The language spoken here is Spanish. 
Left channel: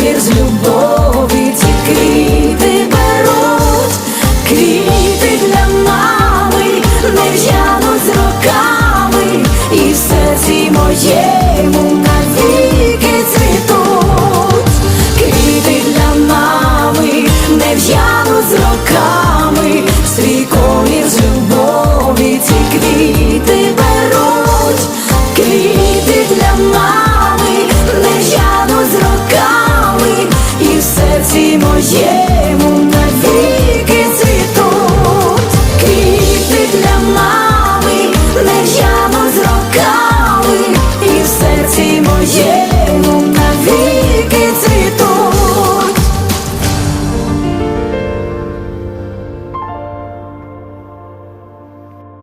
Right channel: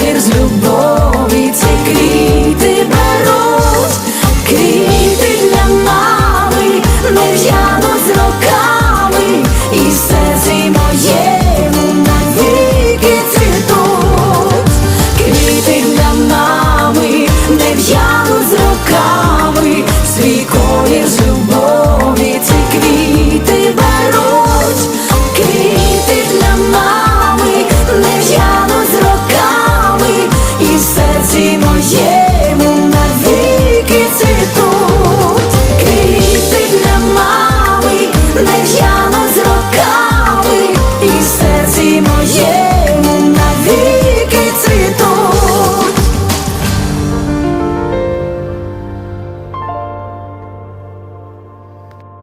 договір з любов. Oye, mundo.